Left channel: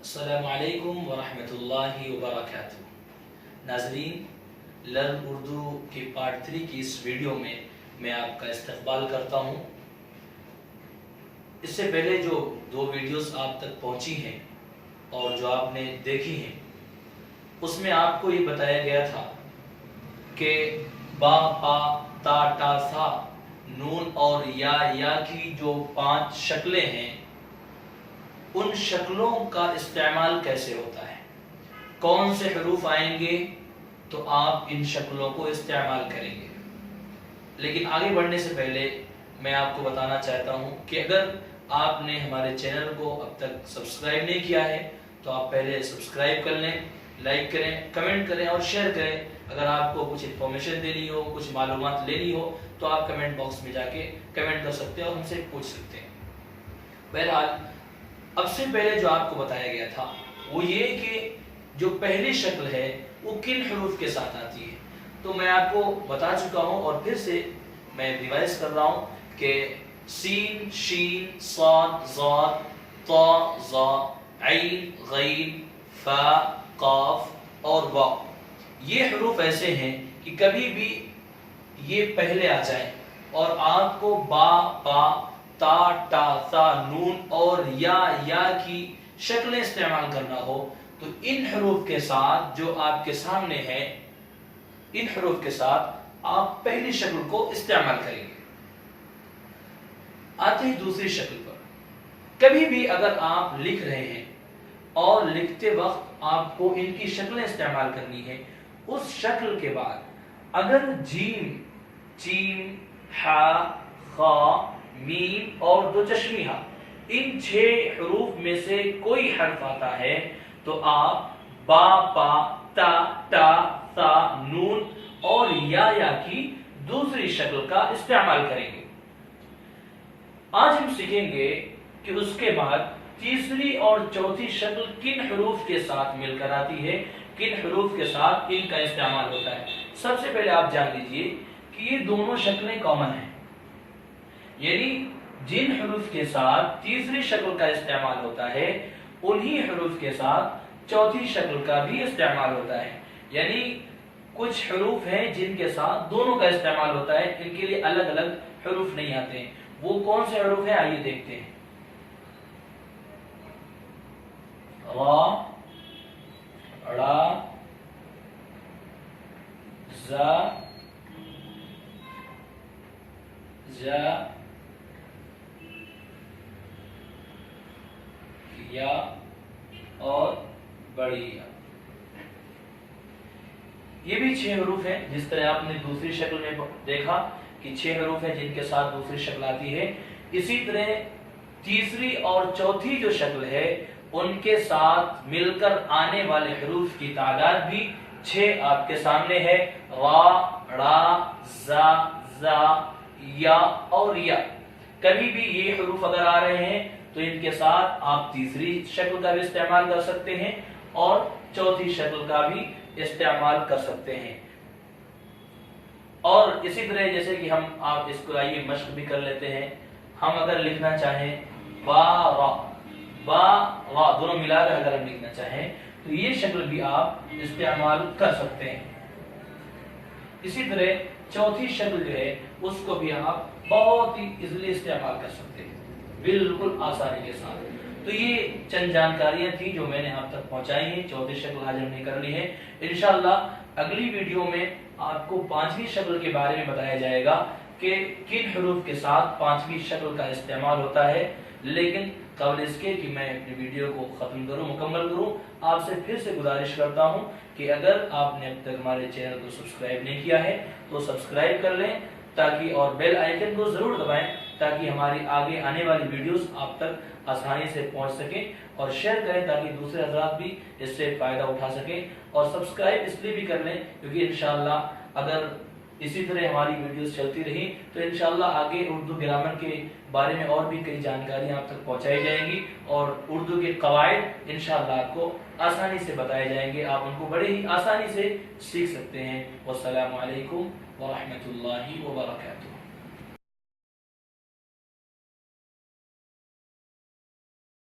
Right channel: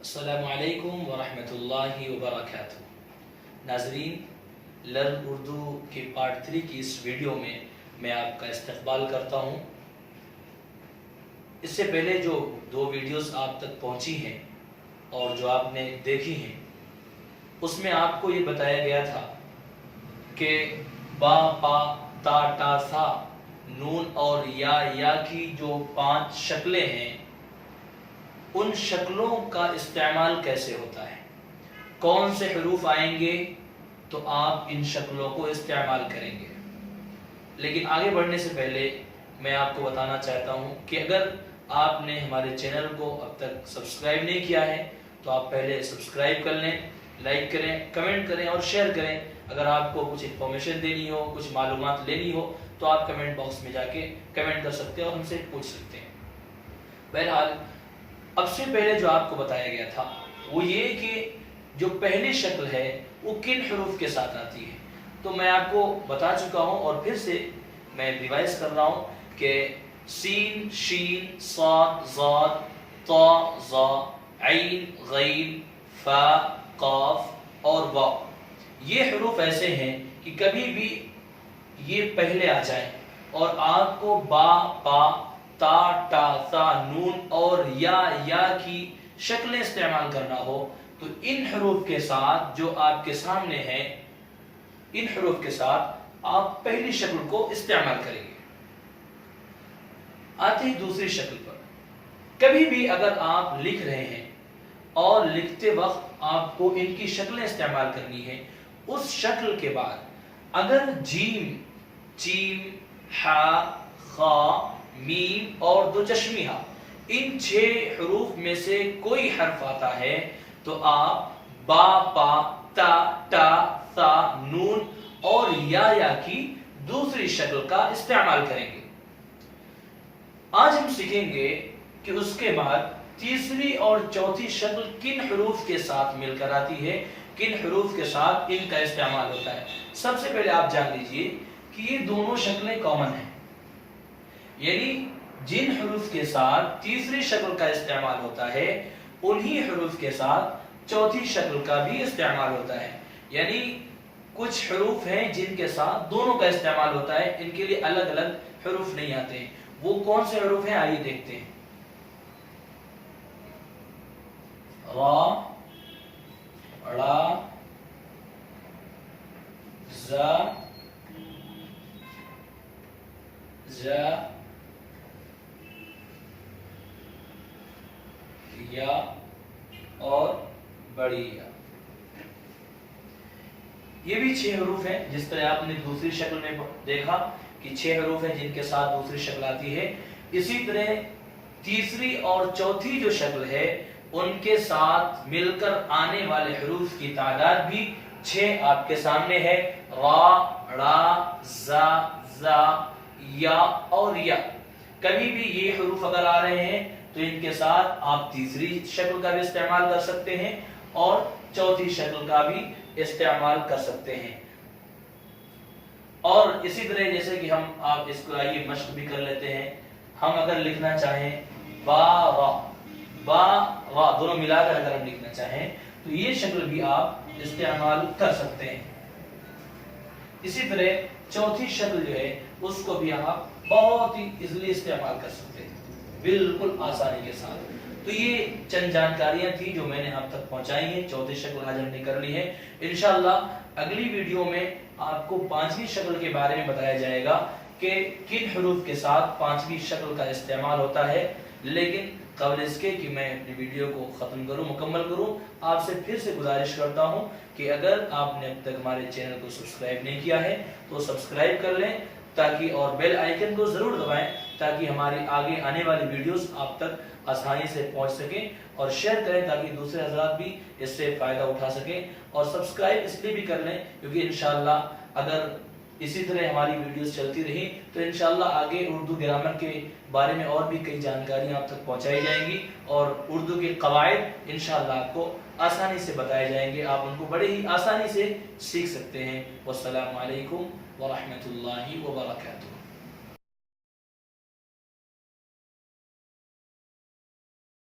السلام علیکم ورحمۃ اللہ وبرکاتہ۔ ناظرین، لرن اردو کی پارٹ 3 کی اس ویڈیو میں میں آپ کا استقبال کرتا ہوں۔ اس سے پہلے جو 2 ویڈیوز آپ تک پہنچی ہیں اور جو آپ نے دیکھی ہیں، اس میں آپ کو یہ بتایا گیا تھا کہ با، پا، تا، ٹا، ثا، نون اور یا کی جو 5 شکلیں ہیں، ان شکلوں کا استعمال کیسے ہوتا ہے، کون سے حروف آئیں گے تو آپ ان شکلوں کو استعمال کریں گے۔ لیکن آگے بڑھنے سے پہلے میں آپ کو بتانا چاہتا ہوں کہ اگر آپ نے ہمارے چینل کو اب تک سبسکرائب نہیں کیا ہے تو آپ پہلے سبسکرائب کر لیں، لائک کریں، کمنٹ کریں اور شیئر کریں۔ اگر آپ کو کچھ انفارمیشن دینی ہو، کچھ معلومات لینی ہو تو آپ کمنٹ باکس میں جا کے کمنٹ کر سکتے ہیں اور ہم سے پوچھ سکتے ہیں۔ بہرحال، اب سے پہلے جو آپ کو بتایا گیا تھا وہ یہ کہ جو پہلی شکل ہے وہ کن حروف کے ساتھ آتی ہے، تو میں آپ کو بتا چکا ہوں اور پھر سے میں ریوائز کر رہا ہوں کہ سین، شین، صاد، ضاد، طا، ظا، عین، غین، فا، قاف اور واو، یہ حروف ایسے ہیں کہ کبھی بھی یہ پہلے آ جائیں اور آپ کو با، پا، تا، ٹا، ثا، نون اور یا کی شکلیں استعمال کرنا ہو تو ان حروف کے ساتھ جو آپ کے سامنے ہے، ان حروف کے ساتھ آپ پہلی شکل کو استعمال کریں گے۔ آتے ہیں دوسری شکل پر۔ کبھی بھی اگر آپ لکھ رہے ہیں اور لکھتے وقت آپ کو ان کی شکلیں استعمال کرنی ہے، اس شکل کے بعد اگر جیم، چیم، ہا، خا، میم اور 2 چشمی ہا، ان 6 حروف میں سے کوئی حرف آتا ہے تو آپ با، پا، تا، ٹا، ثا، نون اور یا کی دوسری شکل کا استعمال کریں گے۔ آج ہم سیکھیں گے کہ اس کے بعد تیسری اور چوتھی شکل کن حروف کے ساتھ مل کر آتی ہے، کن حروف کے ساتھ ان کا استعمال ہوتا ہے۔ سب سے پہلے آپ جان لیجئے کہ یہ دونوں شکلیں کامن ہیں، یعنی جن حروف کے ساتھ تیسری شکل کا استعمال ہوتا ہے انہی حروف کے ساتھ چوتھی شکل کا بھی استعمال ہوتا ہے۔ یعنی کچھ حروف ہیں جن کے ساتھ دونوں کا استعمال ہوتا ہے، ان کے لیے الگ الگ حروف نہیں آتے ہیں۔ وہ کون سے حروف ہیں آئیے دیکھتے ہیں۔ را، ڑا، زا، جا، یا اور بڑی یا۔ یہ بھی 6 حروف ہیں، جس طرح آپ نے دوسری شکل میں دیکھا کہ 6 حروف ہیں جن کے ساتھ دوسری شکل آتی ہے، اسی طرح تیسری اور چوتھی جو شکل ہے ان کے ساتھ مل کر آنے والے حروف کی تعداد بھی 6 آپ کے سامنے ہے۔ را، ڑا، زا، زا، یا اور یا۔ کبھی بھی یہ حروف اگر آ رہے ہیں تو ان کے ساتھ آپ تیسری شکل کا بھی استعمال کر سکتے ہیں اور چوتھی شکل کا بھی استعمال کر سکتے ہیں۔ اور اسی طرح جیسے کہ آپ اس کو آئیے مشق بھی کر لیتے ہیں۔ ہم اگر لکھنا چاہیں با، را دونوں ملا کر اگر ہم لکھنا چاہیں تو یہ شکل بھی آپ استعمال کر سکتے ہیں۔ اسی طرح چوتھی شکل جو ہے اس کو بھی آپ بہت ہی ایزیلی استعمال کر سکتے ہیں، بالکل آسانی کے ساتھ۔ تو یہ چند جانکاریاں تھیں جو میں نے آپ تک پہنچائی ہیں۔ چوتھی شکل آج ہم نے کرنی ہے۔ انشاءاللہ اگلی ویڈیو میں آپ کو 5ویں شکل کے بارے میں بتایا جائے گا کہ کن حروف کے ساتھ 5ویں شکل کا استعمال ہوتا ہے۔ لیکن قبل اس کے کہ میں اپنی ویڈیو کو ختم کروں، مکمل کروں، آپ سے پھر سے گزارش کرتا ہوں کہ اگر آپ نے اب تک ہمارے چینل کو سبسکرائب نہیں کیا ہے تو سبسکرائب کر لیں تاکہ، اور بیل آئیکن کو ضرور دبائیں تاکہ ہماری آگے آنے والی ویڈیوز آپ تک آسانی سے پہنچ سکیں، اور شیئر کریں تاکہ دوسرے حضرات بھی اس سے فائدہ اٹھا سکیں، اور سبسکرائب اس لیے بھی کر لیں کیونکہ انشاءاللہ اگر اسی طرح ہماری ویڈیوز چلتی رہی تو انشاءاللہ آگے اردو گرامر کے بارے میں اور بھی کئی جانکاریاں آپ تک پہنچائی جائیں گی، اور اردو کے قواعد انشاءاللہ آپ کو آسانی سے بتائے جائیں گے، آپ ان کو بڑے ہی آسانی سے سیکھ سکتے ہیں۔ والسلام علیکم ورحمۃ اللہ وبرکاتہ۔